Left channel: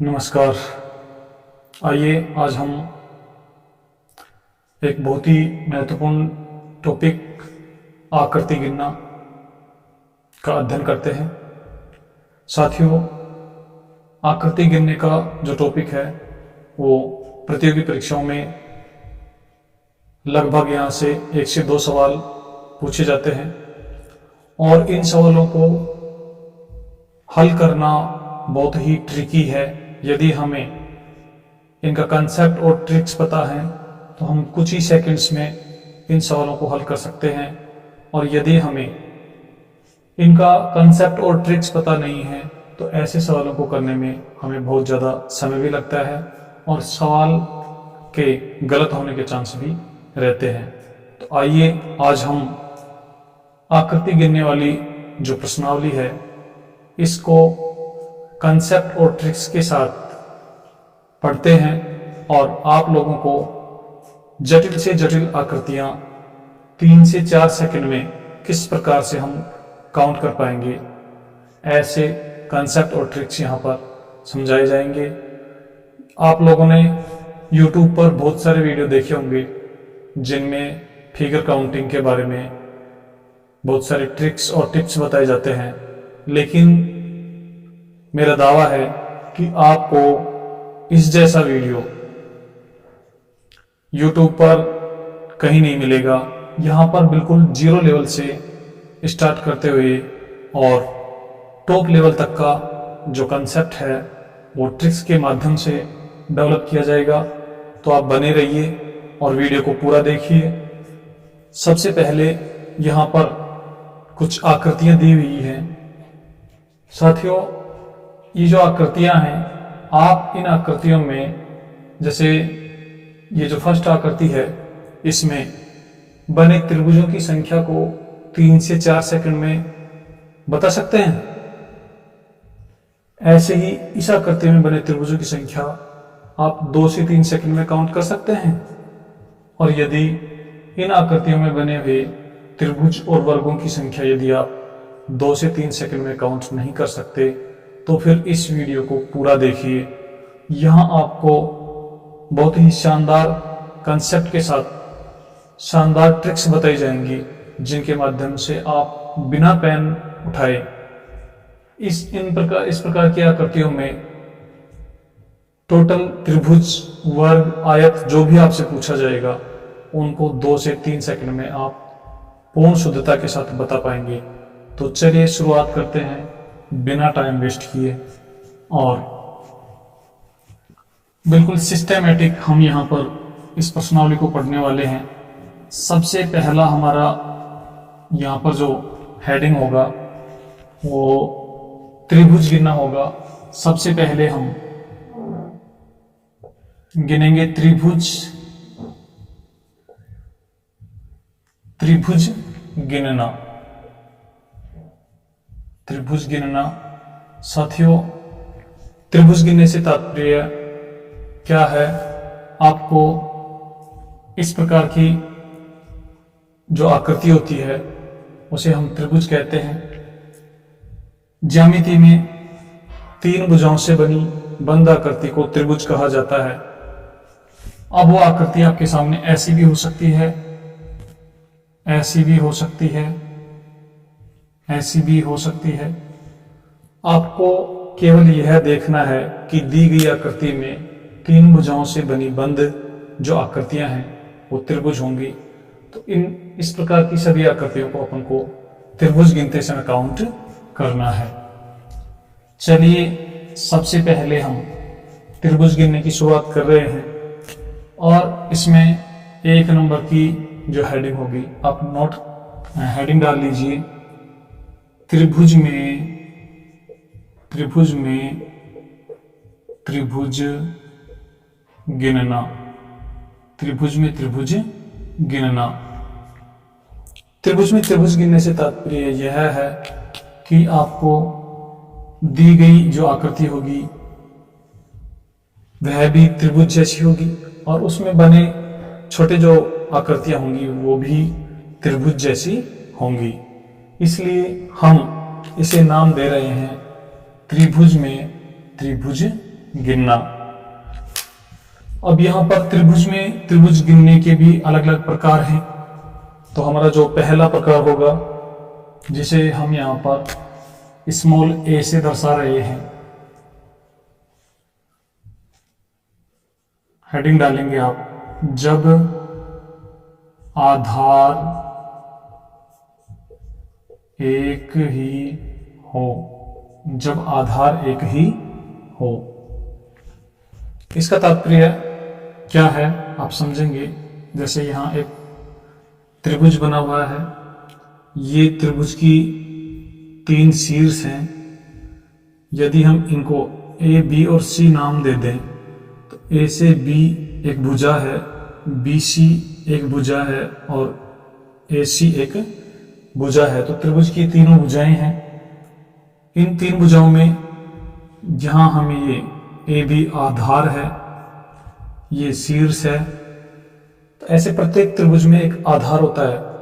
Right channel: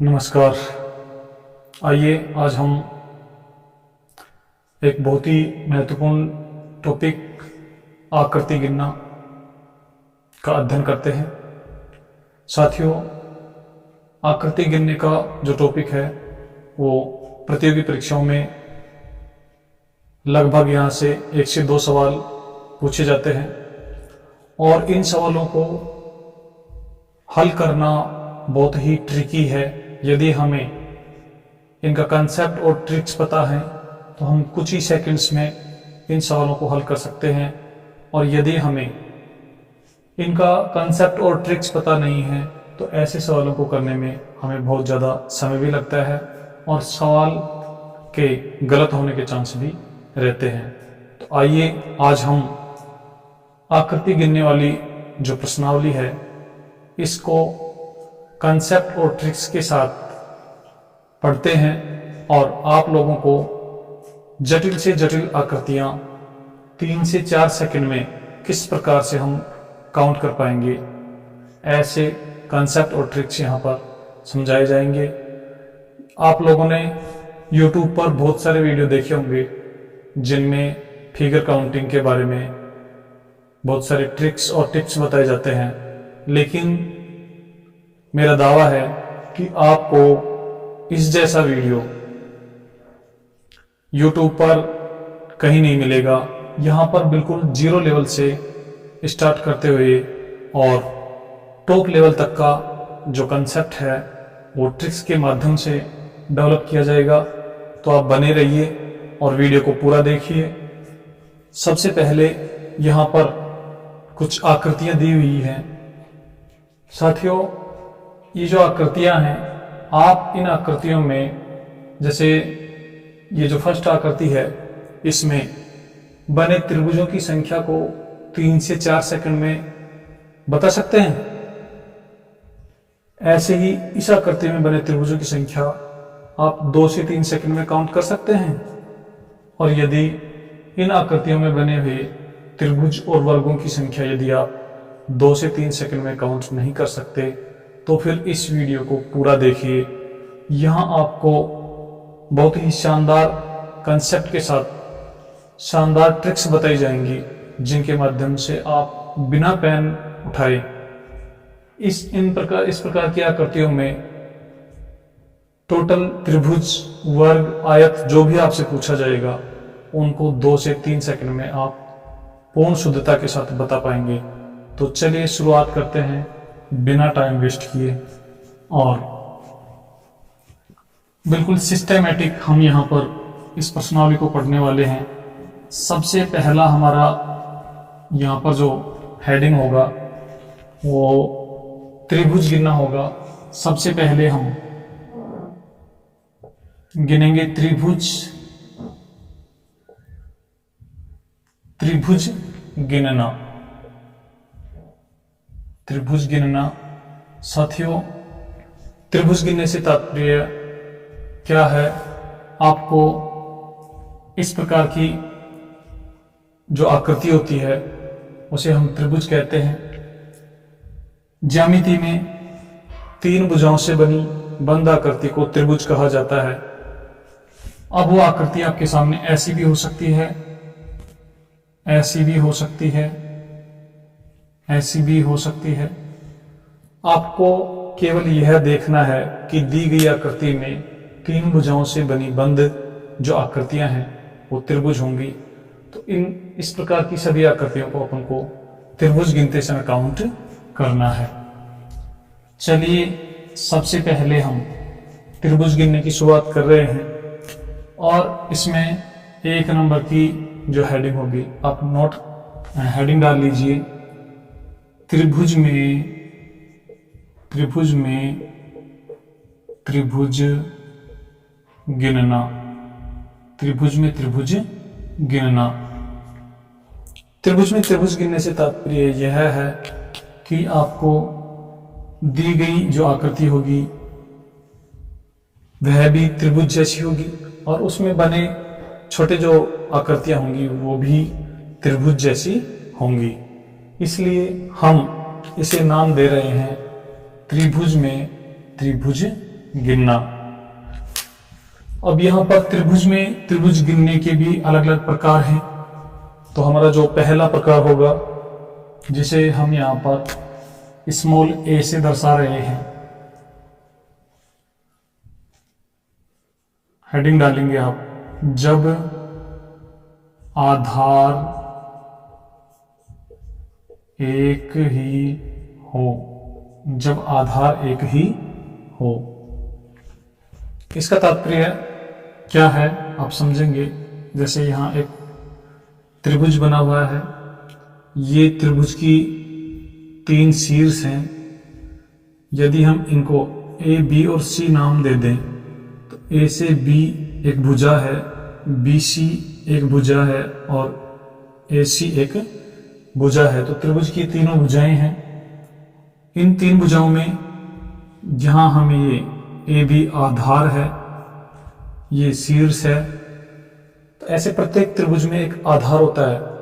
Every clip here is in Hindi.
नमस्कार। आइए आज हम एक बहुत ही महत्वपूर्ण टॉपिक आकृति गिनना का अध्ययन करते हैं। साथियों, आकृति गिनने का जो टॉपिक है वो प्रतियोगी परीक्षाओं में लगभग यहाँ से 1 से 2 सवाल पूछे जाते हैं और इन सवालों को हल करना बहुत ही ट्रिकी है। यदि हमें इनका कंसेप्ट और ट्रिक्स पता है तो हम कुछ ही सेकंड्स में इन सवालों को हल कर सकते हैं, और यदि हमें इनका कंसेप्ट और ट्रिक्स पता नहीं है तो ऐसे सवालों को करने में हमें बहुत ज़्यादा समय भी लगता है और सवाल के गलत होने के चांस भी रहते हैं। तो आइए आज हम आकृति गिनने वाली जो प्रश्नावली है इसको कंसेप्ट और ट्रिक्स के साथ पढ़ते हैं और आप लोगों को जटिल से जटिल आकृतियां 3 से 4 सेकंड में किस प्रकार से हम काउंट कर पाएंगे, ऐसे कंसेप्ट और ट्रिक्स यहाँ पर समझाए जाएंगे। आप लोगों ने YouTube पर बहुत सारे वीडियो देखे होंगे जिनमें फिगर काउंटिंग के बारे में बहुत सारे ट्रिक्स और टिप्स बताए जाते हैं, लेकिन मेरा दावा है कि आपको इस जैसा वीडियो YouTube पर कहीं नहीं मिलेगा। यहाँ पर बिल्कुल 0 लेवल से स्टार्ट करते हुए और टॉप लेवल तक का जो कंसेप्ट है वो ट्रिक्स के माध्यम से डेवलप किया जाएगा। तो आप बने रहिए और वीडियो को पूरा देखिए। सबसे पहले यहाँ पर कुछ आकृतियाँ दी हुई हैं। साथियों, ये जो आकृतियां हैं, आप इन आकृतियों में, जैसे ये जो फर्स्ट आकृति है, इसमें बने त्रिभुजों की संख्या को 3 से 4 सेकंड में बता सकते हैं। ऐसे ही इस आकृति में बने त्रिभुजों की संख्या आप 2 से 3 सेकंड में काउंट कर सकते हैं। और यदि इन आकृतियों में बने हुए त्रिभुज और वर्गों की संख्या यदि आप 2 से 3 सेकंड में काउंट नहीं कर सकते तो फिर इस वीडियो को पूरा देखिए। यहाँ आपको बहुत ही शानदार कंसेप्ट के साथ शानदार ट्रिक्स बताई जाएंगी जिनके माध्यम से आप बिना पेन उठाए इस प्रकार की आकृतियों में टोटल त्रिभुज, वर्ग, आयत जो भी आपसे पूछा जाएगा उनको 2 से 3 सेकंड में आप पूर्ण शुद्धता के साथ बता पाएंगे। तो चलिए शुरुआत करते हैं बिना टाइम वेस्ट किए, और बिल्कुल सिस्टेमेटिक हम यहाँ पर इस प्रश्नावली को पढ़ने वाले हैं। सबसे पहला हमारा यहाँ पर जो हेडिंग होगा वो त्रिभुज गिनना होगा। सबसे पहले हम गिनेंगे त्रिभुज गिनना। त्रिभुज गिनना। साथियों, त्रिभुज गिनने से तात्पर्य क्या है? आपको इस प्रकार की जो आकृति होती है उसे हम त्रिभुज कहते हैं। ज्यामिति में 3 भुजाओं से बनी बंद आकृति को त्रिभुज कहा जाता है। अब वो आकृति आपके सामने ऐसी भी हो सकती है, ऐसी भी हो सकती है, ऐसी भी हो सकती है। आपको केवल यह देखना है कि दी गई आकृति में 3 भुजाओं से बनी बंद जो आकृतियां हैं वो त्रिभुज होंगी। तो इस प्रकार की सभी आकृतियों को अपन को त्रिभुज गिनते समय काउंट करना है। चलिए सबसे पहले हम त्रिभुज गिनने की शुरुआत कर रहे हैं, और इसमें 1 नंबर की जो हेडिंग होगी आप हेडिंग डाल लीजिए। त्रिभुज में त्रिभुज गिनना। त्रिभुज में त्रिभुज गिनना। त्रिभुज में त्रिभुज गिनने से तात्पर्य यह है कि आपको दी गई जो आकृति होगी वह भी त्रिभुज जैसी होगी और उसमें बने छोटे जो आकृतियां होंगी वो भी त्रिभुज जैसी होंगी। इसलिए हम इसे नाम दे रहे हैं त्रिभुज में त्रिभुज गिनना। अब यहां पर त्रिभुज में त्रिभुज गिनने के भी अलग अलग प्रकार हैं। तो हमारा जो पहला प्रकार होगा, जिसे हम यहां पर स्मॉल ए से दर्शा रहे हैं, हेडिंग डालेंगे आप, जब आधार एक ही हो, जब आधार एक ही हो। इसका तात्पर्य क्या है आप समझेंगे। जैसे यहां एक त्रिभुज बना हुआ है, ये त्रिभुज की 3 शीर्ष हैं। यदि हम इनको ए, बी और सी नाम दे दें, तो ए से बी एक भुजा है, बी सी एक भुजा है और ए सी एक भुजा है। तो त्रिभुज की तीनों भुजाएं हैं। इन 3 भुजाओं में जहां हमें ये ए बी आधार है, ये शीर्ष है, तो ऐसे प्रत्येक त्रिभुज में एक आधार होता है।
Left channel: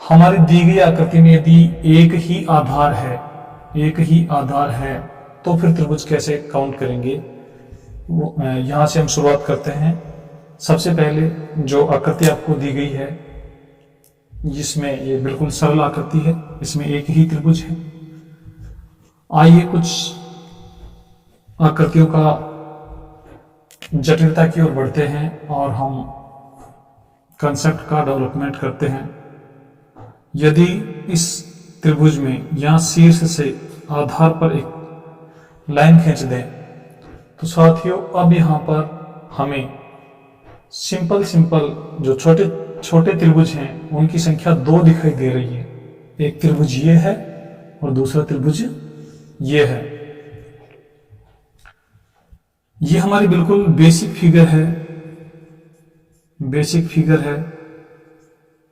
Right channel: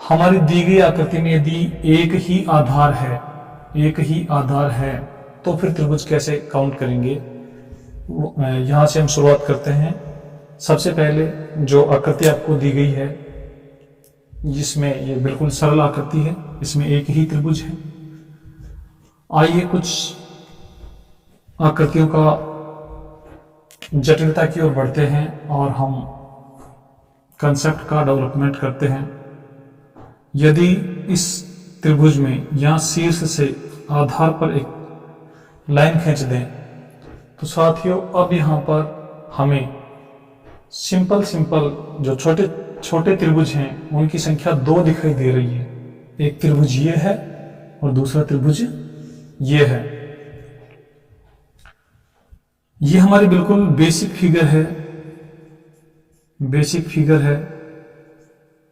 हमारी दी गई आकृति में यदि एक ही आधार है, एक ही आधार है, तो फिर त्रिभुज कैसे काउंट करेंगे, वो यहां से हम शुरुआत करते हैं। सबसे पहले जो आकृति आपको दी गई है, जिसमें ये बिल्कुल सरल आकृति है, इसमें एक ही त्रिभुज है। आइए कुछ आकृतियों का जटिलता की ओर बढ़ते हैं और हम कंसेप्ट का डेवलपमेंट करते हैं। यदि इस त्रिभुज में यहाँ शीर्ष से आधार पर एक लाइन खींच दें, तो साथियों अब यहाँ पर हमें सिंपल जो छोटे छोटे त्रिभुज हैं, उनकी संख्या 2 दिखाई दे रही है। एक त्रिभुज ये है और दूसरा त्रिभुज ये है। ये हमारी बिल्कुल बेसिक फिगर है, बेसिक फिगर है,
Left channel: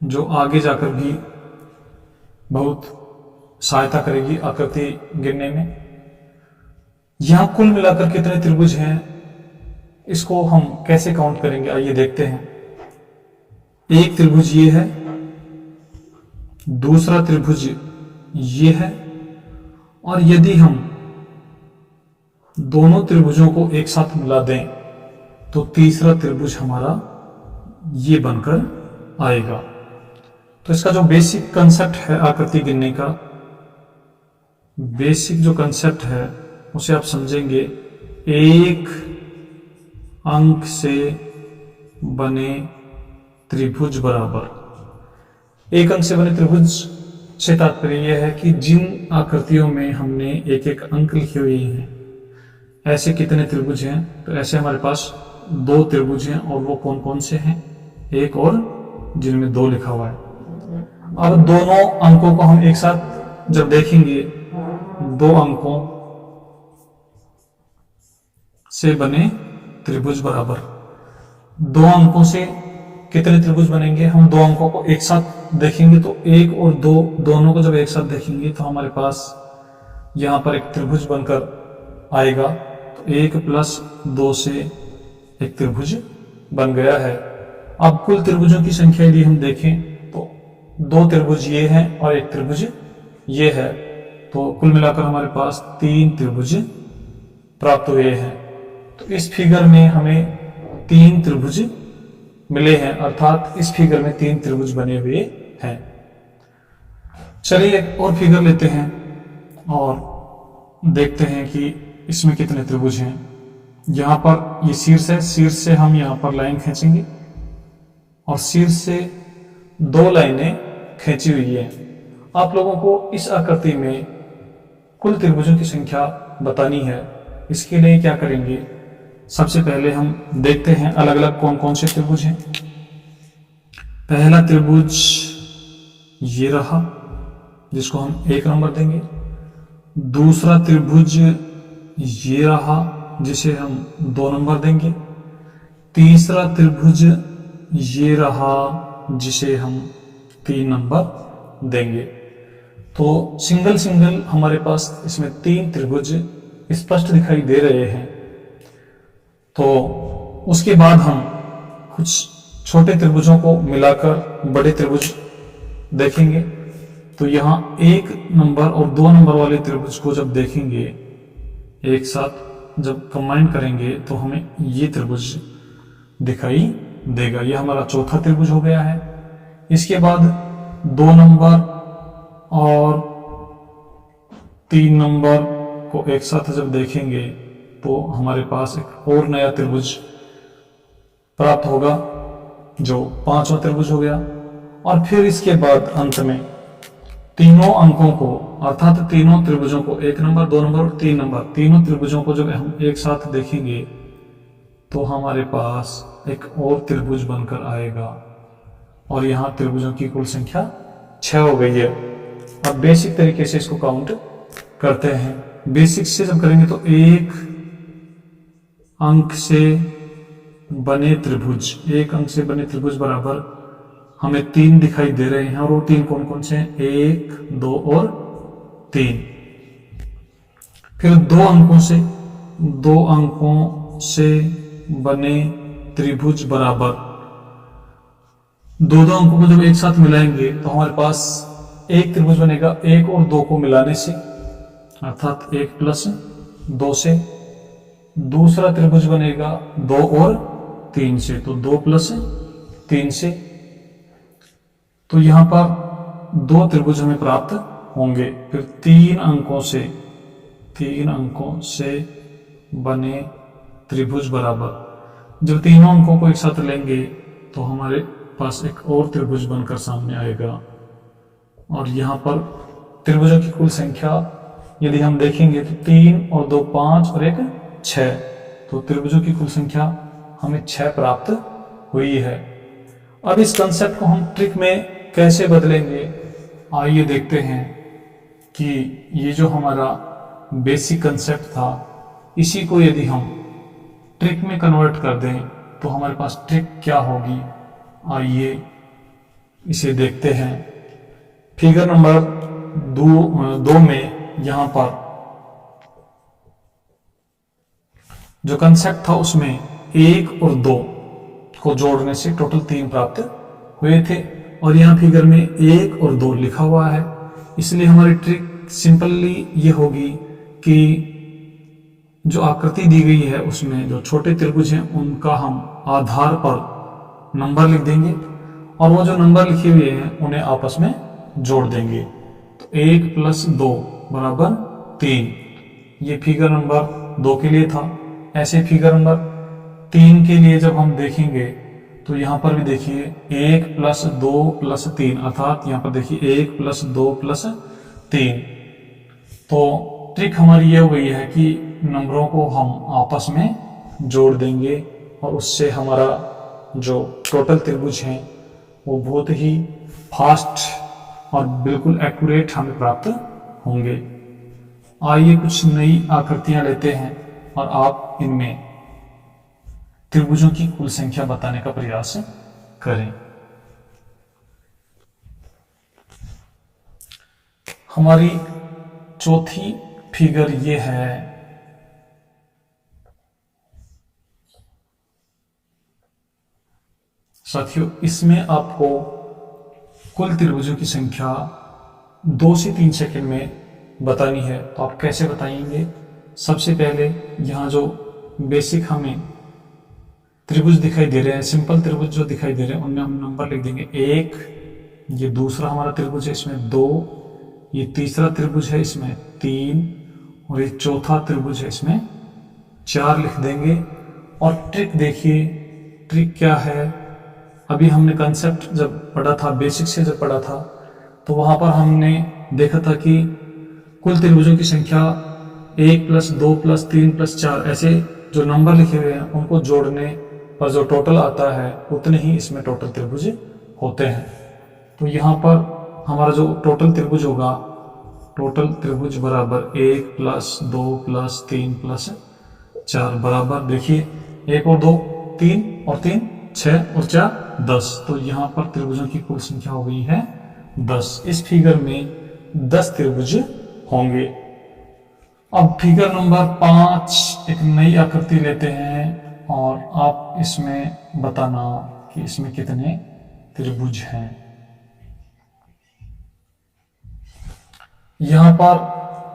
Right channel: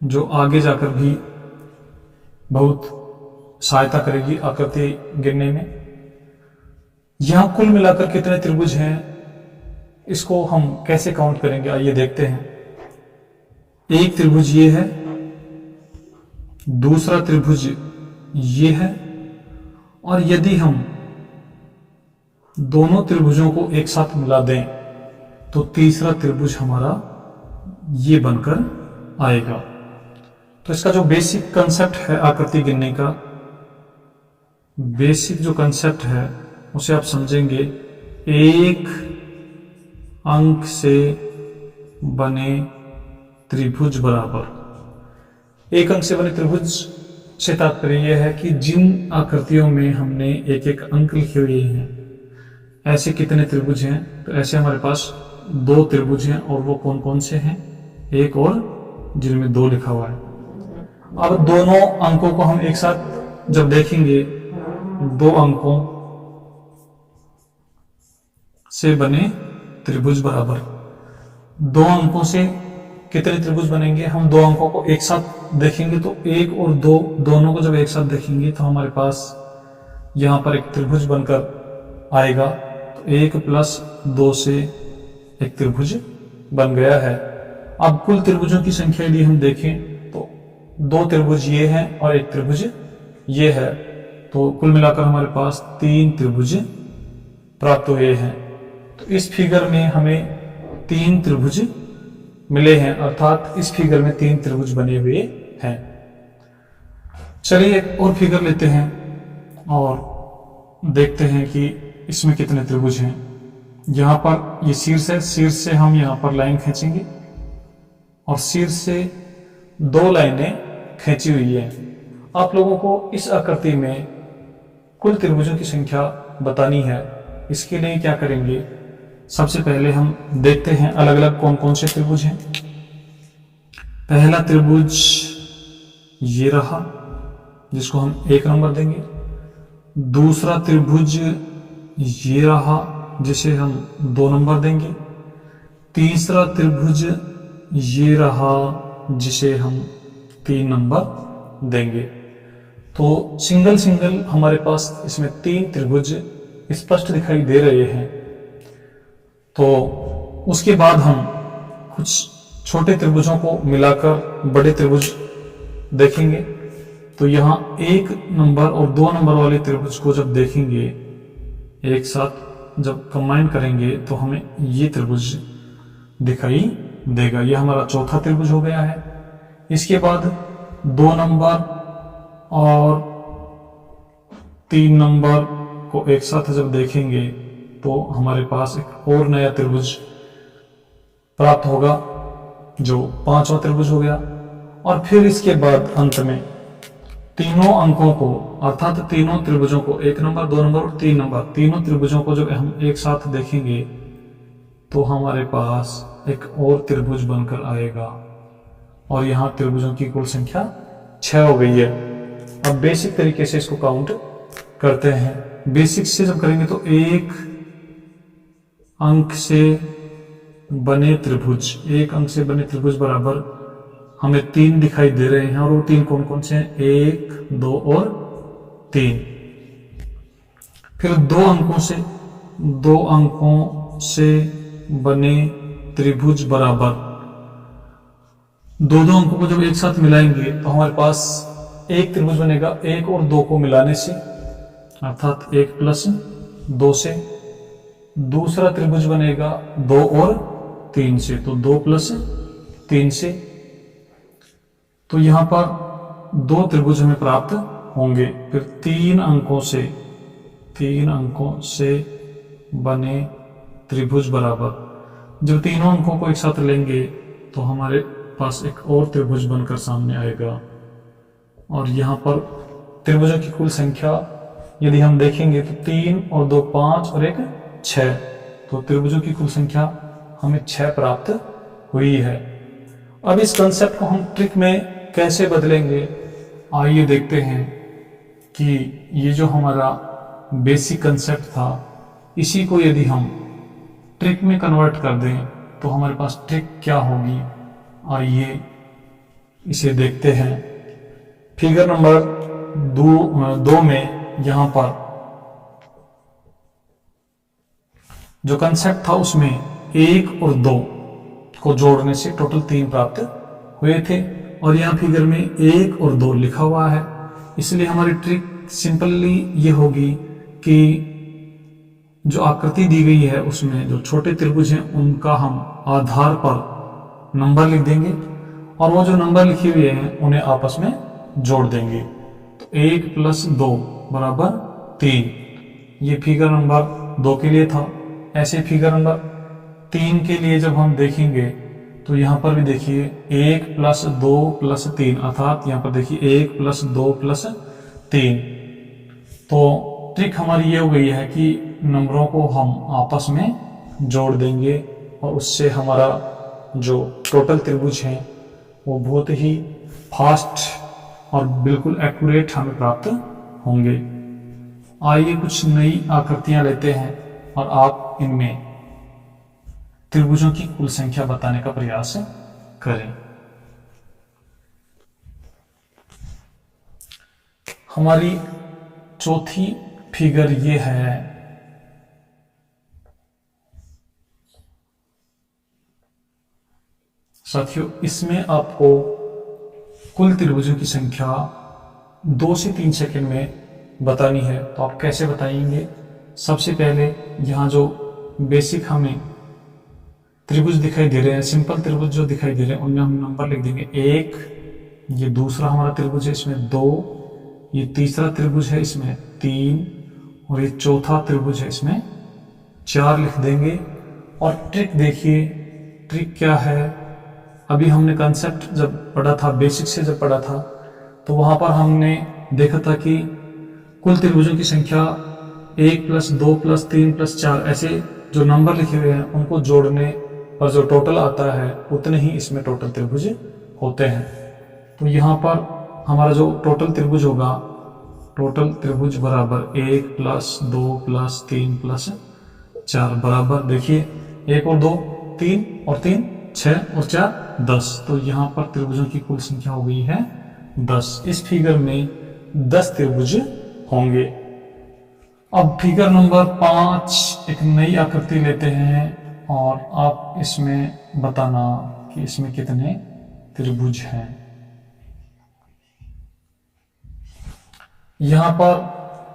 जो आगे जाकर भी बहुत सहायता करेगी आकृति गिनने में। यहां कुल मिलाकर कितने त्रिभुज हैं, इसको हम कैसे काउंट करेंगे, आइए देखते हैं। एक त्रिभुज ये है, दूसरा त्रिभुज ये है, और यदि हम दोनों त्रिभुजों को एक साथ मिला दें, तो तीसरा त्रिभुज हमारा ये बनकर आएगा। तो इसका जो बेसिक कंसेप्ट है आकृति गिनने का, बेसिक जो कंसेप्ट है उसे आप समझेंगे। एक अंक से बने त्रिभुज बराबर। एक अंक से बने त्रिभुज से तात्पर्य यह है कि जिन आकृतियों में हमने एक एक अंक लिखे हुए हैं, ऐसे कितने त्रिभुज हैं, तो ऐसे हमारे पास 2 त्रिभुज हैं, और वो कौन कौन से हैं, एक और जिनमें 2 लिखा हुआ है। अब दोनों अंकों को हम एक साथ जब देखेंगे, 2 अंकों से बने त्रिभुज बराबर। 2 अंकों से कितने त्रिभुज बनेंगे, हम 2 अंकों को एक साथ देखेंगे, तो 1 और 2 दोनों को जब एक साथ देखेंगे, तो हमारे पास यहां पर एक त्रिभुज बनकर आएगा। तो 1 + 2 से एक त्रिभुज बन गया है। अब कुल त्रिभुजों की संख्या यदि हम देखें, तो 2 त्रिभुज ये हैं और एक त्रिभुज ये है, तो कुल मिलाकर हमारे पास 3 त्रिभुज प्राप्त हुए हैं। तो इस फिगर में हमें 3 त्रिभुज मिले हैं, अर्थात इस फिगर में 3 त्रिभुज बने हुए हैं। चलिए एक और फिगर लेते हैं और देखते हैं कि इसमें कितने त्रिभुज हैं। यहां पर ये शीर्ष है, शीर्ष से हम यहां पर लाइन खींचेंगे और शीर्ष से 2 लाइनें खींची हुई है। आप लोगों को इस आकृति में कुल त्रिभुजों की संख्या बतानी है। इसके लिए क्या करेंगे, सबसे पहले हम देखते हैं अलग अलग कौन कौन से त्रिभुज हैं। पहला त्रिभुज ये रहा, जिसको हम 1 नंबर देंगे। दूसरा त्रिभुज ये रहा, जिसे हम 2 नंबर देंगे। तीसरा त्रिभुज ये रहा, जिसे हम 3 नंबर देंगे। तो सिंगल सिंगल हमारे पास इसमें 3 त्रिभुज स्पष्ट दिखाई दे रहे हैं। तो उसके बाद हम कुछ छोटे त्रिभुजों को मिलाकर बड़े त्रिभुज देखेंगे। तो यहाँ 1 नंबर और 2 नंबर वाले त्रिभुज को जब देखेंगे एक साथ, जब कंबाइन करेंगे तो हमें ये त्रिभुज दिखाई देगा। यह हमारा चौथा त्रिभुज हो गया है। इसके बाद 2 नंबर और 3 नंबर को एक साथ जब देखेंगे तो हमारे पास एक और नया त्रिभुज प्राप्त होगा जो 5वां त्रिभुज हो गया। और फिर इसके बाद अंत में तीनों अंकों को अर्थात तीनों त्रिभुजों को 1 नंबर 2 नंबर और 3 नंबर तीनों त्रिभुजों को जब हम एक साथ देखेंगे तो हमारे पास एक और त्रिभुज बनकर आएगा और यहाँ त्रिभुजों की कुल संख्या 6 हो गई है। अब बेसिक तरीके से इसको काउंट करते हैं। बेसिक से जब करेंगे तो 1 अंक से बने त्रिभुज, 1 अंक से बने त्रिभुज बराबर हमें 3 दिखाई दे रहे हैं और वो 3 कौन कौन से हैं? 1 2 और 3। फिर 2 अंकों से बने त्रिभुज बराबर 2 अंकों को जब एक साथ मिलाएंगे तो हमारे पास एक त्रिभुज बनेगा 1 और 2 को मिलाने से अर्थात 1 प्लस 2 से। दूसरा त्रिभुज बनेगा 2 और 3 से, तो 2 प्लस 3 से। तो यहां पर 2 त्रिभुज हमें प्राप्त होंगे। फिर 3 अंकों से बने त्रिभुज बराबर जब तीनों अंकों को एक साथ लेंगे तो हमारे पास एक और त्रिभुज बनकर सामने आएगा। और यहाँ पर त्रिभुजों की कुल संख्या यदि हम देखेंगे तो 3 और 2 5 और 1 6, तो त्रिभुजों की कुल संख्या हमें 6 प्राप्त हुई है। अब इस कंसेप्ट को हम ट्रिक में कैसे बदलेंगे, आइए देखते हैं कि ये जो हमारा बेसिक कंसेप्ट था इसी को यदि हम ट्रिक में कन्वर्ट कर दें तो हमारे पास ट्रिक क्या होगी। आइए इसे देखते हैं। फिगर नंबर 2 में यहाँ पर जो कंसेप्ट था उसमें 1 और 2 को जोड़ने से टोटल 3 प्राप्त हुए थे और यहाँ फिगर में 1 और 2 लिखा हुआ है। इसलिए हमारी ट्रिक सिंपली ये होगी कि जो आकृति दी गई है उसमें जो छोटे त्रिभुज हैं उनका हम आधार पर नंबर लिख देंगे और वो जो नंबर लिखे हुए हैं उन्हें आपस में जोड़ देंगे। तो 1 + 2 बराबर 3, ये फिगर नंबर 2 के लिए था। ऐसे फिगर नंबर 3 के लिए जब हम देखेंगे तो यहाँ पर भी देखिए 1 + 2 + 3 अर्थात यहाँ पर देखिए 1 + 2 + 3। तो ट्रिक हमारी ये हो गई है कि नंबरों को हम आपस में जोड़ देंगे और उससे हमारा जो टोटल त्रिभुज हैं वो बहुत ही फास्ट और बिल्कुल एक्यूरेट हमें प्राप्त होंगे। आइए कुछ नई आकृतियां लेते हैं और आप इनमें त्रिभुजों की कुल संख्या बताने का प्रयास करें। हमारी चौथी फिगर ये है। साथियों, इसमें आपको कुल त्रिभुजों की संख्या 2 से 3 सेकंड में बतानी है। तो आप कैसे बताएंगे? सबसे पहले यहाँ जो बेसिक हमें त्रिभुज दिखाई दे रहे हैं, सिंपल त्रिभुज जो दिखाई दे रहे हैं, उनमें हम नंबर लिख देंगे 1, ये दूसरा हमारा त्रिभुज है इसमें 2, ये तीसरा त्रिभुज है इसमें 3 और ये चौथा त्रिभुज है इसमें 4 लिख देंगे। और ट्रिक देखिए, ट्रिक क्या है। अभी हमने कंसेप्ट जब पढ़ा था, बेसिक से जब पढ़ा था, तो वहां पर हमने देखा था कि कुल त्रिभुजों की संख्या 1 + 2 + 3 + 4 ऐसे जो नंबर लिखे हुए हैं उनको जोड़ने पर जो टोटल आता है उतने ही इसमें टोटल त्रिभुज होते हैं। तो यहाँ पर हमारा जो टोटल त्रिभुज होगा, टोटल त्रिभुज बराबर 1 + 2 + 3 + 4 बराबर देखिए 1 और 2 3 और 3 6 और 4 10। तो यहाँ पर त्रिभुजों की कुल संख्या हो गई है 10। इस फिगर में 10 त्रिभुज होंगे। अब फिगर नंबर 5 एक नई आकृति लेते हैं और आप इसमें बताना कि इसमें कितने त्रिभुज हैं। यहाँ पर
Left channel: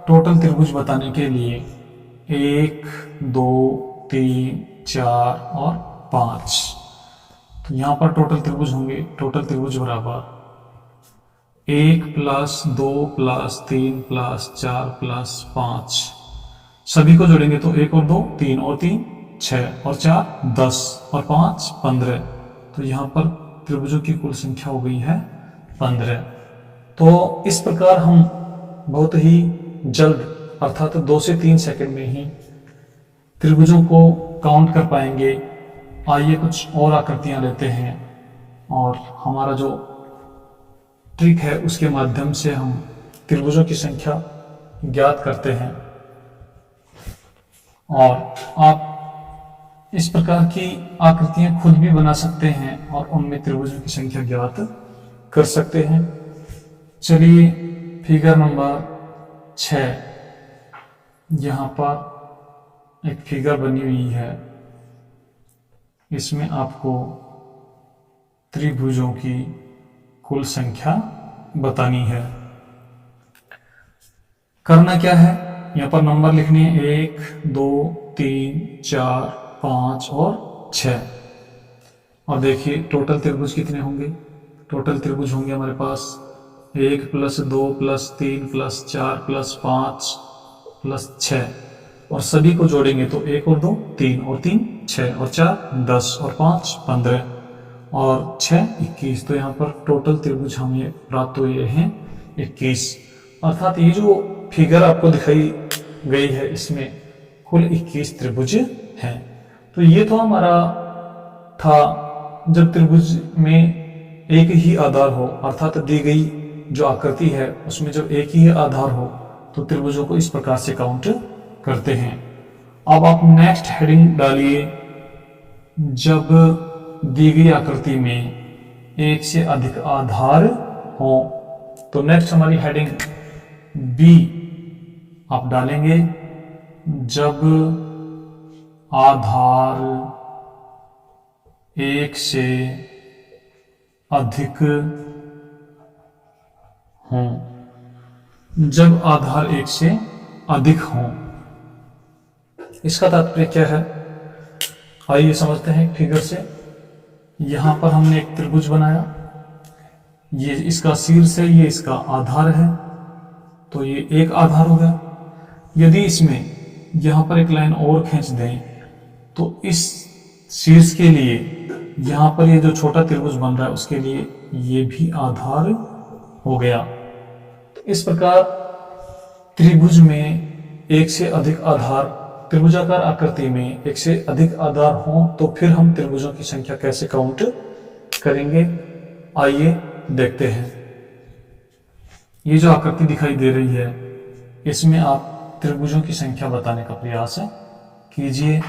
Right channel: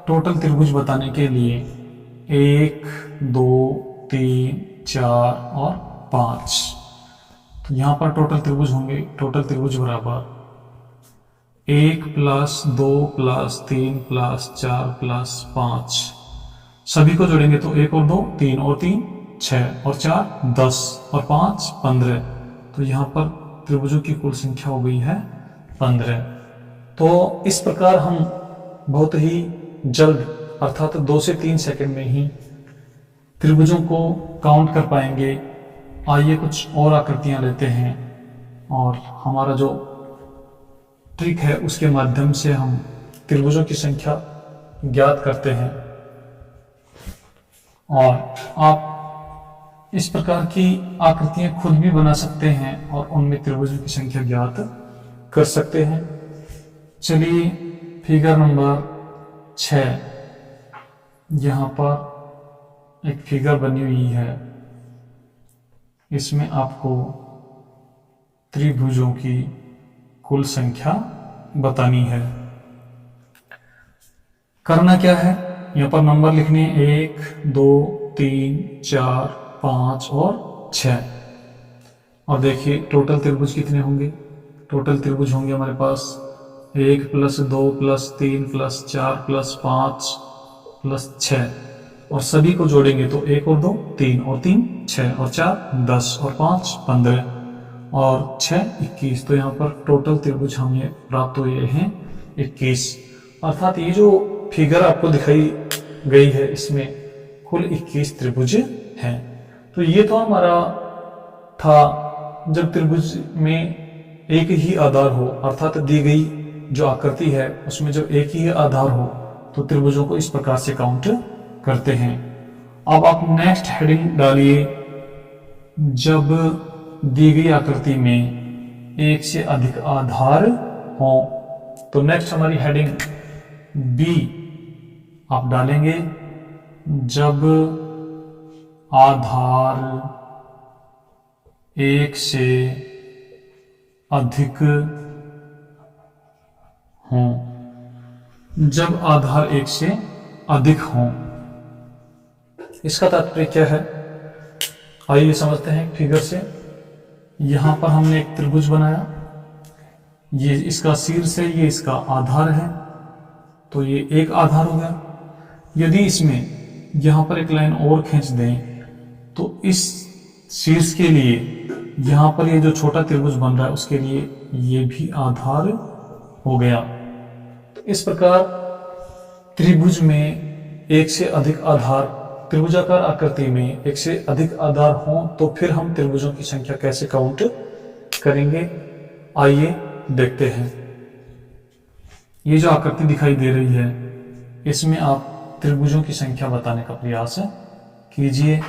टोटल त्रिभुज बताने के लिए 1 2 3 4 और 5। तो यहाँ पर टोटल त्रिभुज होंगे, टोटल त्रिभुज बराबर 1 + 2 + 3 + 4 + 5। सभी को जोड़ेंगे तो 1 और 2 3 और 3 6 और 4 10 और 5 15। तो यहाँ पर त्रिभुजों की कुल संख्या हो गई है 15। तो इस प्रकार हम बहुत ही जल्द अर्थात 2 से 3 सेकंड में ही त्रिभुजों को काउंट कर पाएंगे। आइए कुछ और आकृतियां लेते हैं और हमारा जो ट्रिक है उसके माध्यम से हम त्रिभुजों की संख्या ज्ञात करते हैं। और आप इस प्रकार की आकृतियां खुद भी बना सकते हैं और उनमें त्रिभुजों की संख्या ज्ञात कर सकते हैं। चलिए फिगर नंबर 6, यहाँ पर एक फिगर बनी हुई है। इसमें आपको त्रिभुजों की कुल संख्या बतानी है। करना क्या है, यहाँ पर नंबर लिखने हैं 1 2 3 4 5 और 6। और देखिए टोटल त्रिभुज कितने होंगे। टोटल त्रिभुज होंगे हमारे पास 1 + 2 + 3 + 4 + 5 + 6। और सभी को जोड़ेंगे तो 1 और 2 3 और 3 6 और 4 10 और 5 15 और 6 21। तो यहाँ पर टोटल त्रिभुज हमें प्राप्त हुए हैं 21। अर्थात ये जो फिगर आपको दिखाई गई है इसमें कुल 21 त्रिभुज हैं। तो ये तो हमारा था जब त्रिभुज में एक ही आधार हो, अर्थात दी गई जो आकृति है उसमें जब एक ही आधार हो तो त्रिभुजों को इस प्रकार से काउंट करते हैं। अब आप नेक्स्ट हेडिंग डालिए, जब दी गई आकृति में एक से अधिक आधार हो। तो नेक्स्ट हमारी हेडिंग बी आप डालेंगे, जब आधार एक से अधिक हों। जब आधार एक से अधिक हों, इसका तात्पर्य क्या है, आइए समझते हैं फिगर से। यहां पर हमने एक त्रिभुज बनाया, ये इसका शीर्ष है, ये इसका आधार है, तो ये एक आधार हो गया। यदि इसमें यहां पर एक लाइन और खींच दें तो इस शीर्ष के लिए यहां पर ये जो छोटा त्रिभुज बन रहा है उसके लिए ये भी आधार हो गया। तो इस प्रकार त्रिभुज में एक से अधिक आधार, त्रिभुजाकार आकृति में एक से अधिक आधार हो तो फिर हम त्रिभुजों की संख्या कैसे काउंट करेंगे, आइए देखते हैं। ये जो आकृति दिखाई दे रही है इसमें आप त्रिभुजों की संख्या बताने का प्रयास कीजिए।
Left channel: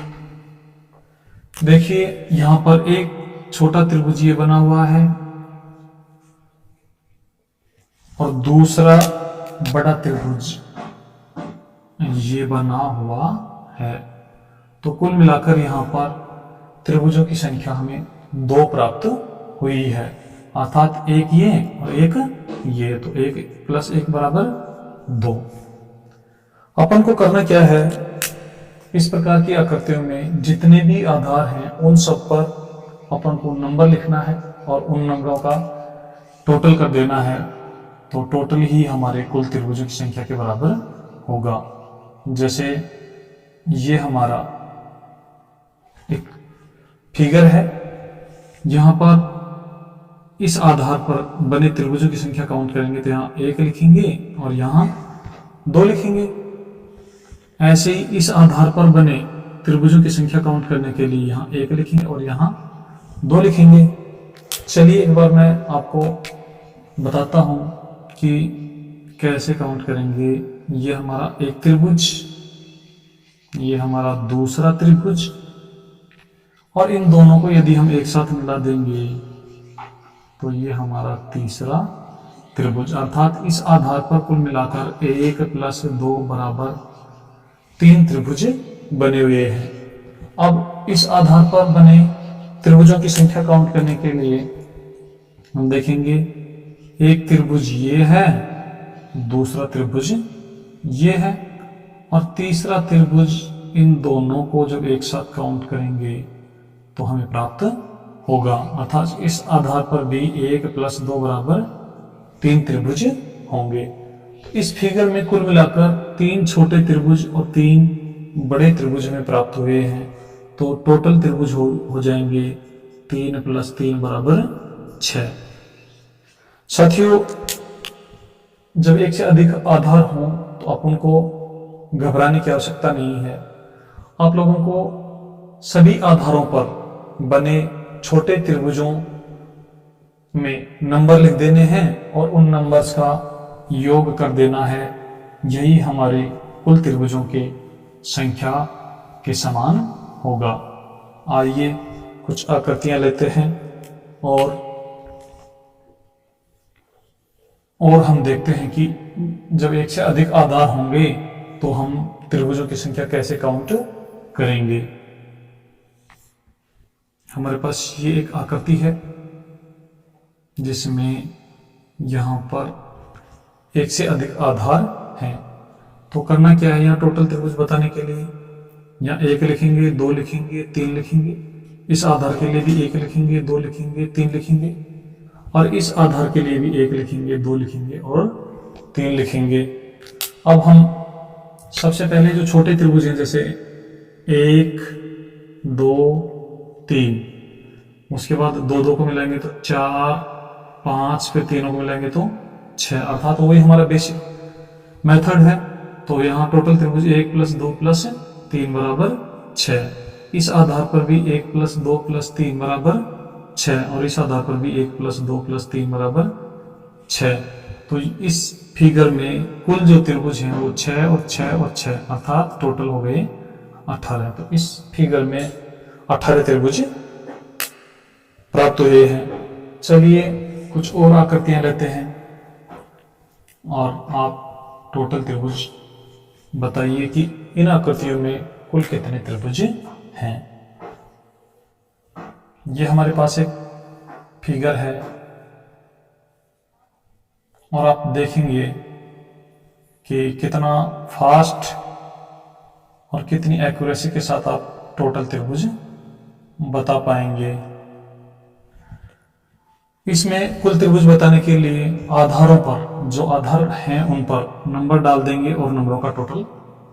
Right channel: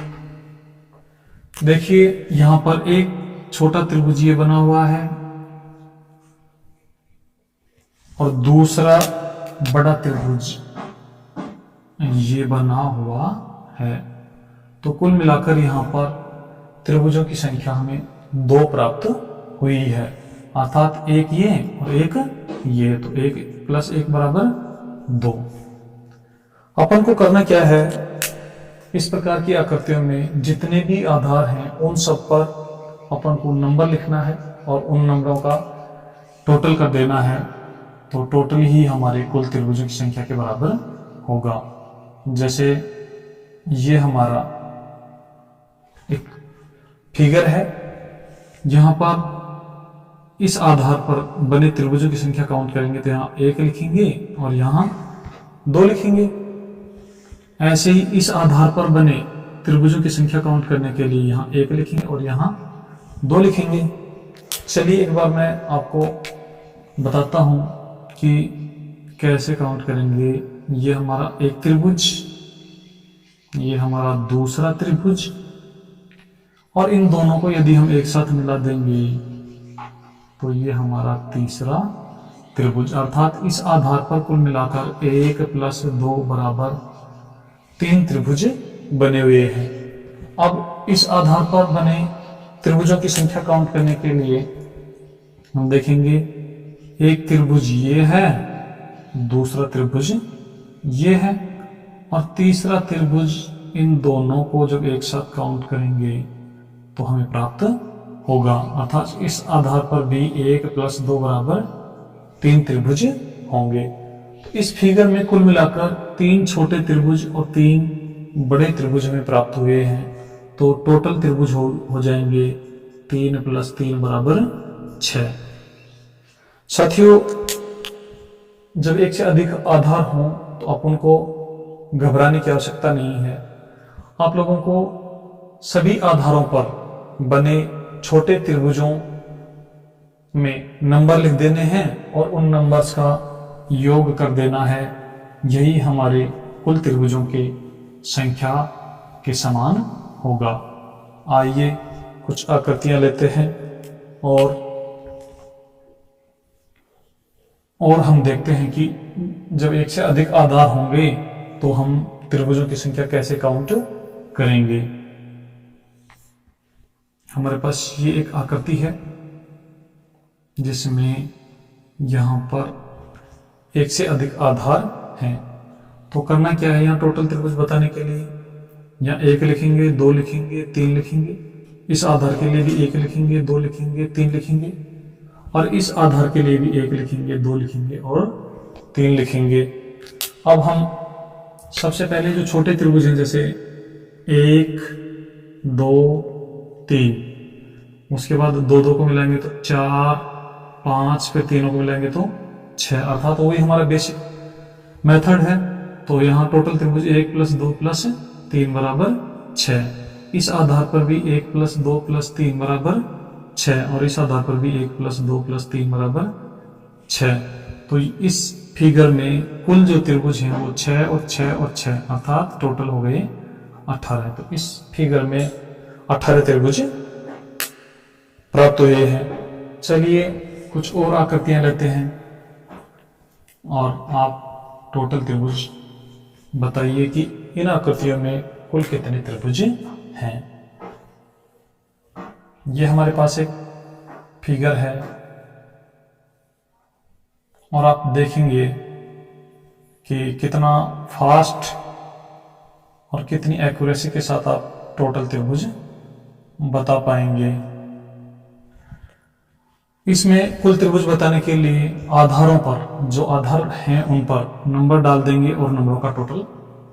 देखिए यहां पर एक छोटा त्रिभुज ये बना हुआ है और दूसरा बड़ा त्रिभुज ये बना हुआ है। तो कुल मिलाकर यहां पर त्रिभुजों की संख्या हमें 2 प्राप्त हुई है, अर्थात एक ये और एक ये, तो 1 + 1 = 2। अपन को करना क्या है, इस प्रकार की आकृतियों में जितने भी आधार हैं उन सब पर अपन को नंबर लिखना है और उन नंबरों का टोटल कर देना है। तो टोटल ही हमारे कुल त्रिभुजों की संख्या के बराबर होगा। जैसे ये हमारा एक फिगर है, यहाँ पर इस आधार पर बने त्रिभुजों की संख्या काउंट करेंगे तो यहाँ 1 लिखेंगे और यहाँ 2 लिखेंगे। ऐसे ही इस आधार पर बने त्रिभुजों की संख्या काउंट करने के लिए यहाँ 1 लिखेंगे और यहाँ 2 लिखेंगे। चलिए एक बार मैं आपको बताता हूँ कि कैसे काउंट करेंगे। ये हमारा एक त्रिभुज, ये हमारा दूसरा त्रिभुज, और इन दोनों को यदि हम एक साथ मिला देंगे तो ये हमारा तीसरा त्रिभुज। अर्थात इस आधार पर कुल मिलाकर 1 + 2 = 3 त्रिभुज बने हुए हैं। अब इस आधार पर बने त्रिभुजों की संख्या काउंट करने के लिए हम देखेंगे, एक त्रिभुज ये है, दूसरा त्रिभुज ये है और तीसरा त्रिभुज इन दोनों को जब एक साथ काउंट करेंगे तो हमें प्राप्त होगा, अर्थात इस आधार पर भी 1 + 2 बराबर 3 त्रिभुज होंगे। तो इस फिगर में कुल मिलाकर 3 छोटे त्रिभुज और 3 बड़े त्रिभुज हमें प्राप्त हुए हैं। तो टोटल त्रिभुज हो जाएंगे 3 + 3 बराबर 6। साथियों, जब एक से अधिक आधार हों तो अपन को घबराने की आवश्यकता नहीं है। आप लोगों को सभी आधारों पर बने छोटे त्रिभुजों में नंबर लिख देने हैं और उन नंबर्स का योग कर देना है। यही हमारे कुल त्रिभुजों के संख्या के समान होगा। आइए कुछ आकृतियां लेते हैं और हम देखते हैं कि जब एक से अधिक आधार होंगे तो हम त्रिभुजों की संख्या कैसे काउंट करेंगे। हमारे पास ये एक आकृति है जिसमें यहाँ पर एक से अधिक आधार हैं। तो करना क्या है, यहाँ टोटल त्रिभुज बताने के लिए यहाँ 1 लिखेंगे, 2 लिखेंगे, 3 लिखेंगे। इस आधार के लिए भी 1 लिखेंगे, 2 लिखेंगे, 3 लिखेंगे, और इस आधार के लिए भी 1 लिखेंगे, 2 लिखेंगे और 3 लिखेंगे। अब हम सबसे पहले जो छोटे त्रिभुज हैं जैसे 1, 2, 3, उसके बाद 2 को मिलाएंगे तो 4, 5, फिर तीनों को मिलाएंगे तो 6, अर्थात वही हमारा बेसिक मेथड है। तो यहाँ टोटल त्रिभुज 1 + 2 + 3 बराबर 6। इस आधार पर भी 1 + 2 + 3 बराबर 6 और इस आधार पर भी 1 + 2 + 3 बराबर 6। तो इस फिगर में कुल जो त्रिभुज हैं वो 6 और 6 और 6, अर्थात टोटल हो गए 18। तो इस फिगर में 18 त्रिभुज प्राप्त हुए हैं। चलिए कुछ और आकृतियां लेते हैं और आप टोटल त्रिभुज बताइए कि इन आकृतियों में कुल कितने त्रिभुज हैं। ये हमारे पास एक फिगर है और आप देखेंगे कि कितना फास्ट और कितनी एक्यूरेसी के साथ आप टोटल त्रिभुज बता पाएंगे। इसमें कुल त्रिभुज बताने के लिए आधारों पर, जो आधार हैं उन पर नंबर डाल देंगे और नंबरों का टोटल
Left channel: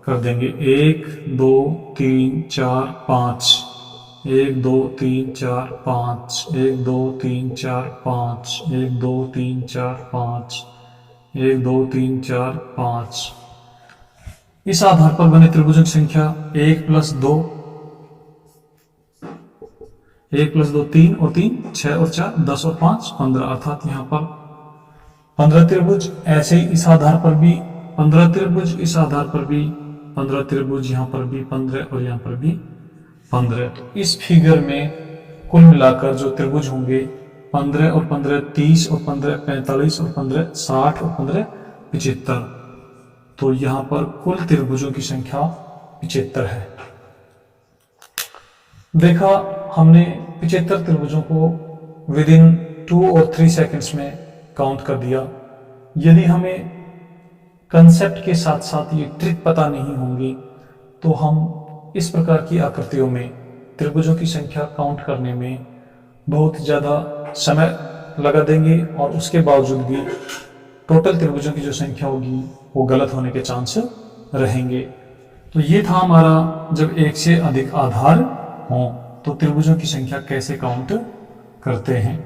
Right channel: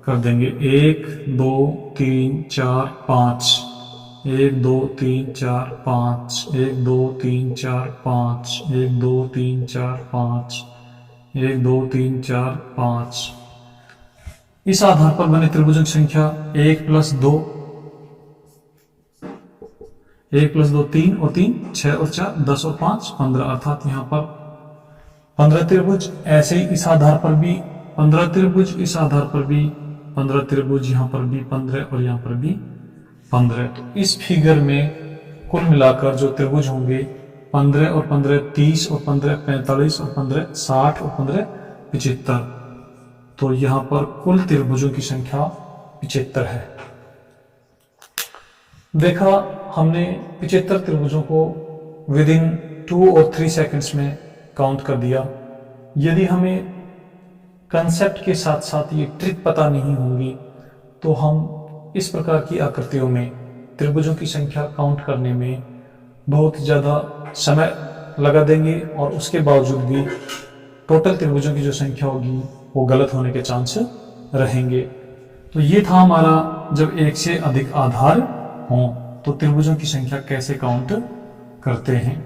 कर देंगे। 1, 2, 3, 4, 5, 1, 2, 3, 4, 5, 1, 2, 3, 4, 5, 1, 2, 3, 4, 5, 1, 2, 3, 4, 5। इस आधार पर बने त्रिभुजों की संख्या 1 + 2, 1 + 2 3 और 3 6 और 4 10 और 5 15, अर्थात यहाँ पर 15 त्रिभुज। ऐसे ही इस आधार पर भी 15 त्रिभुज, इस आधार पर भी 15 त्रिभुज, यहाँ पर भी 15 और यहाँ पर भी 15। तो इस फिगर में कुल मिलाकर जो त्रिभुज होंगे 15 और 15 30 और 15 45 और 15 60 और 15 75। तो यहाँ पर कुल त्रिभुजों की संख्या 75 है। देखा हमने 75 त्रिभुजों को विदिन 2 और 3 सेकंड्स में काउंट कर दिया। यदि हमें कंसेप्ट के साथ साथ ये ट्रिक पता नहीं होंगी तो हम इस प्रकार की आकृतियों में त्रिभुजों की संख्या काउंट करने में बहुत ज़्यादा समय लगा देंगे और उसके बावजूद भी टोटल त्रिभुजों की जो संख्या होगी वो गलत होने के चांस रहेंगे। तो ये था हमारा, जब एक से अधिक आधार हों तो त्रिभुजों की संख्या कैसे काउंट करते हैं।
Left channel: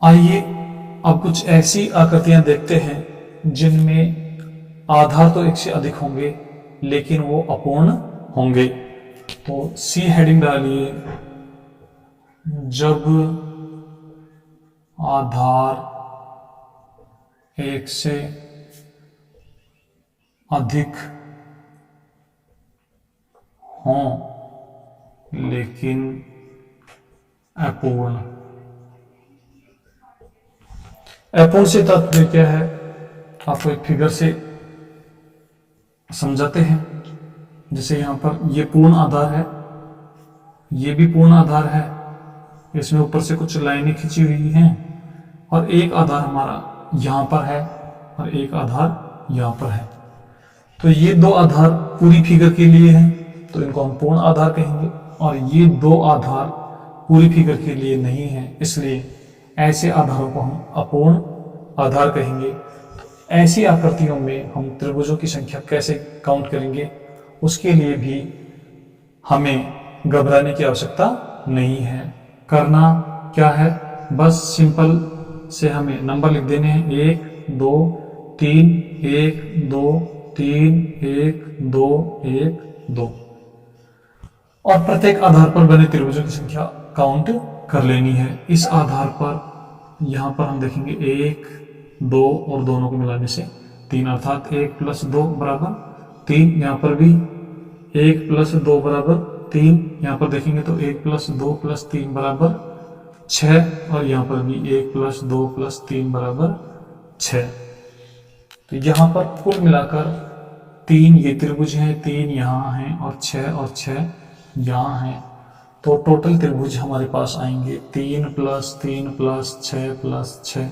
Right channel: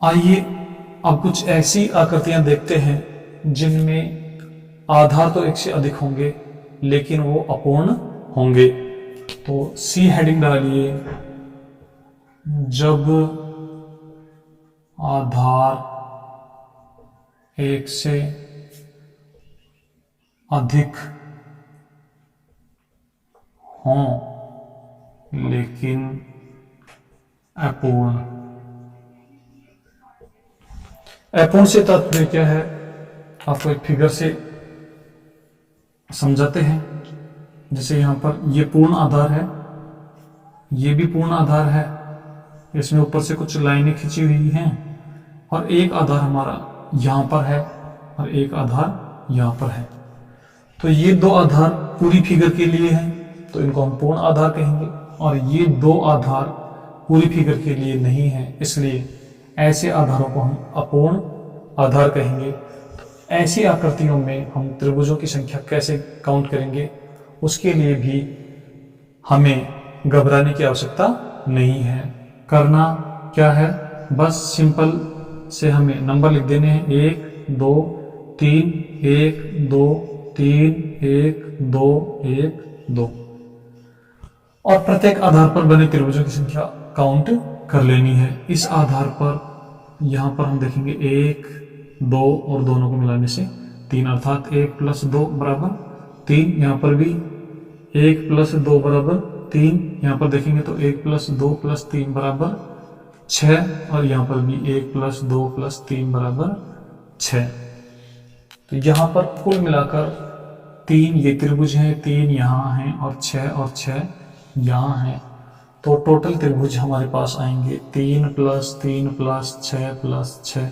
आइए अब कुछ ऐसी आकृतियां देखते हैं जिनमें आधार तो एक से अधिक होंगे लेकिन वो अपूर्ण होंगे। तो सी हेडिंग डालिए, जब आधार एक से अधिक हों लेकिन अपूर्ण। अपूर्ण से तात्पर्य क्या है, आपको एक फिगर से समझाते हैं। जैसे यहाँ पर ये पूर्ण आधार है, ये भी पूर्ण आधार है, इसमें ऊपर से कुछ लाइनें खींची हुई हैं और एक आधार हमारा यहाँ पर है और एक आधार यहाँ पर है। तो ये दो आधार पूरी फिगर के लिए हैं, तो इनको हम पूर्ण आधार कहेंगे, और ये दो आधार पूरी फिगर के लिए नहीं हैं, इसलिए ऐसे आधारों को हम अपूर्ण आधार कहेंगे। तो ऐसी आकृतियों में हम त्रिभुजों की संख्या कैसे काउंट करेंगे, उसके लिए भी हमें घबराने की आवश्यकता नहीं है। करना क्या है, बस सिंपल से हमें नंबर लिख देने हैं 1 2 3 1 2 3 1 2 1 2, और प्रत्येक आधार पर बने त्रिभुजों की संख्या काउंट कर लेनी है। इस आधार पर यहाँ पर हम देखेंगे 1 2 और दोनों को मिलाने से 3, अर्थात 1 + 2 = 3। यहाँ पर भी 1 + 2 = 3। यहाँ पर देखेंगे तो 1 + 2 + 3 = 6, और यहाँ पर भी 1 + 2 + 3 = 6। तो यहाँ पर कुल मिलाकर 3 ये त्रिभुज हैं, 3 यहाँ हैं, और 6 यहाँ हैं। तो टोटल त्रिभुज हमारे पास आएंगे 3 + 3 + 6 + 6,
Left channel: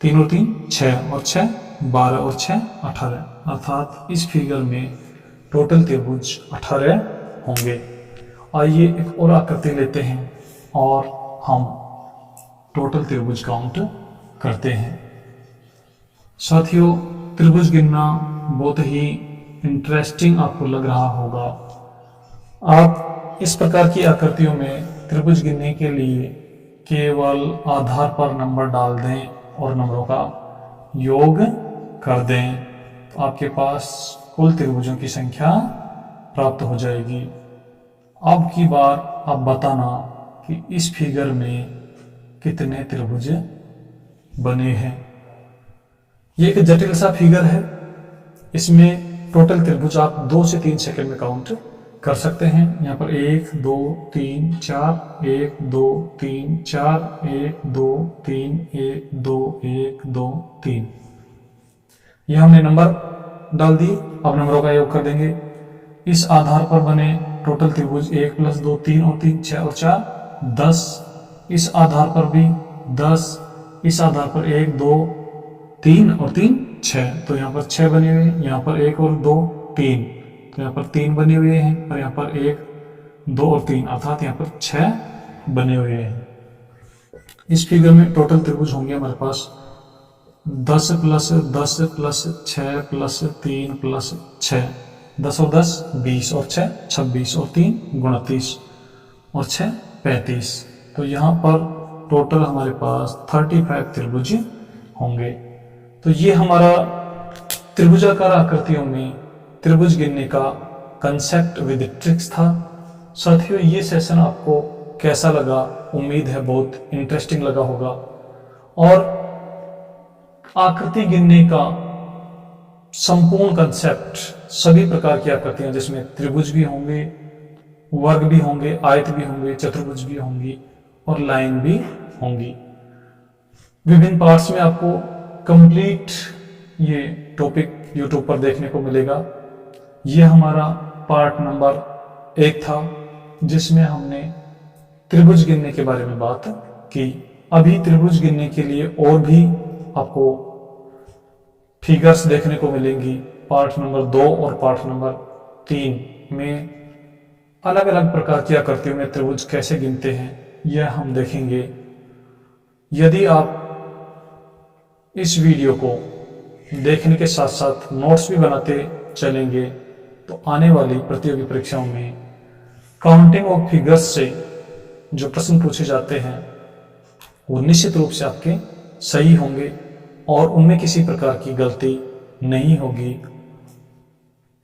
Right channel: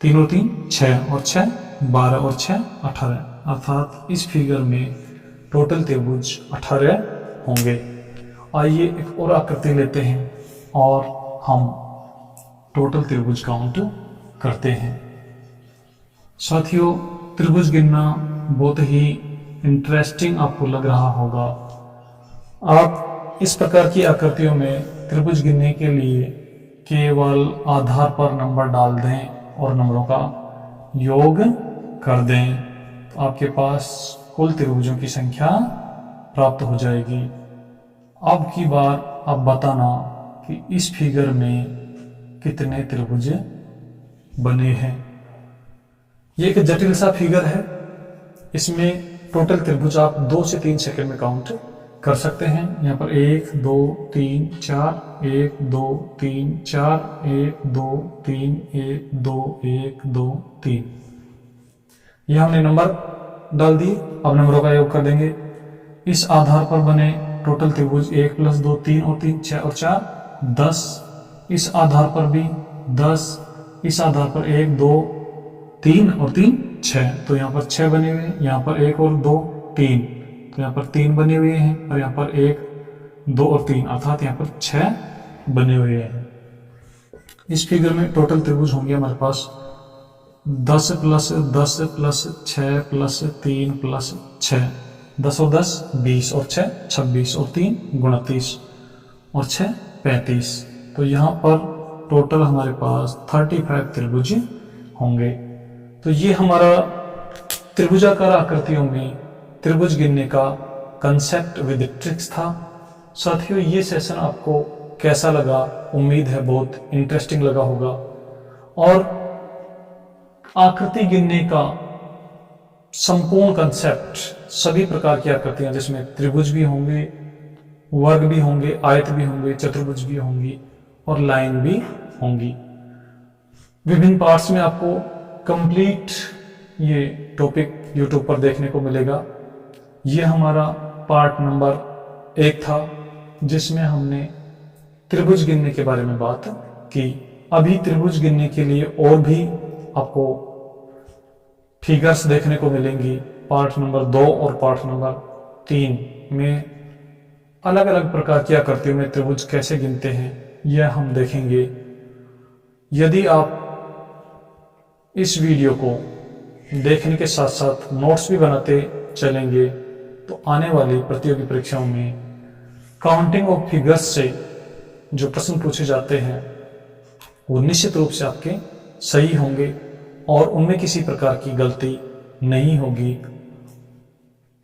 3 और 3 6, और 6 12, और 6 18, अर्थात इस फिगर में टोटल त्रिभुज 18 होंगे। आइए एक और आकृति लेते हैं और हम टोटल त्रिभुज काउंट करते हैं। साथियों, त्रिभुज गिनना बहुत ही इंटरेस्टिंग आपको लग रहा होगा। आप इस प्रकार की आकृतियों में त्रिभुज गिनने के लिए केवल आधार पर नंबर डाल दें और नंबरों का योग कर दें, तो आपके पास कुल त्रिभुजों की संख्या प्राप्त हो जाएगी। अब की बार आप बताना कि इस फिगर में कितने त्रिभुज बने हैं। ये एक जटिल सा फिगर है, इसमें टोटल त्रिभुज आप 2 से 3 सेकंड में काउंट कर सकते हैं। यहाँ पर 1 2 3 4 1 2 3 4 1 2 3 1 2 1 2 3, ये हमने नंबर डाल दिए। अब नंबरों का योग कर देंगे। इस आधार पर बने टोटल त्रिभुज 1 + 2 3 और 3 6 और 4 10। इस आधार पर भी 10। इस आधार पर 1 2 3 और 3 6, तो यहाँ पर 6 बने हुए हैं। यहाँ पर 1 और 2 3, तो यहाँ पर 3 बने हुए हैं, और यहाँ पर 1 2 और 3, अर्थात यहाँ पर 6 बने हुए हैं। इस फिगर में टोटल त्रिभुज होंगे हमारे पास 10 + 10 + 6 + 3 + 6, 10 और 10 20, और 6 26, और 3 29, और 6 35। तो यहाँ पर टोटल हमारे पास 35 त्रिभुज होंगे। तो ये हमारा त्रिभुजाकार आकृतियों में त्रिभुज गिनने का कंसेप्ट विद ट्रिक्स था। साथियों, ये सेशन आपको कैसा लगा? उम्मीद है बहुत इंटरेस्टिंग लगा होगा। और आकृति गिनने का संपूर्ण कंसेप्ट, सभी प्रकार की आकृतियां जिसमें त्रिभुज भी होंगे, वर्ग भी होंगे, आयत भी होंगे, चतुर्भुज भी होंगी, और लाइन भी होंगी, विभिन्न पार्ट्स में आपको कंप्लीट ये टॉपिक यूट्यूब पर देखने को मिलेगा। ये हमारा पार्ट नंबर 1 था, जिसमें हमने त्रिभुज गिनने के बारे में बात की। अभी त्रिभुज गिनने के लिए और भी आपको फिगर्स देखने को मिलेंगी। पार्ट नंबर 2 और पार्ट नंबर 3 में अलग अलग प्रकार की आकृतियों में त्रिभुज कैसे गिनते हैं, यह हम देखेंगे। यदि आप इस वीडियो को देखने के साथ साथ नोट्स भी बनाते चलेंगे, तो आने वाली प्रतियोगी परीक्षाओं में काउंटिंग ऑफ फिगर्स से जो प्रश्न पूछे जाते हैं वो निश्चित रूप से आपके सही होंगे, और उनमें किसी प्रकार की गलती नहीं होगी।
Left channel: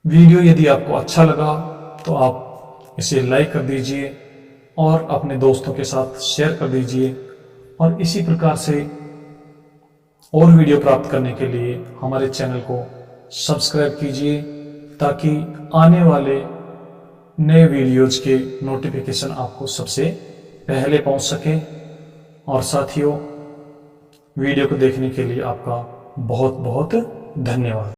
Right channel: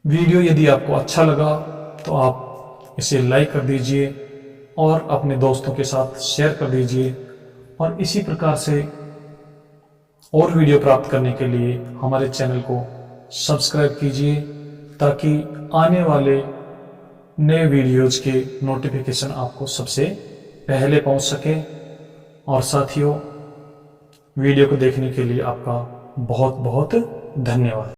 वीडियो यदि आपको अच्छा लगा तो आप इसे लाइक कर दीजिए और अपने दोस्तों के साथ शेयर कर दीजिए, और इसी प्रकार से और वीडियो प्राप्त करने के लिए हमारे चैनल को सब्सक्राइब कीजिए, ताकि आने वाले नए वीडियोज के नोटिफिकेशन आपको सबसे पहले पहुंच सके। और साथियों, वीडियो को देखने के लिए आपका बहुत बहुत धन्यवाद।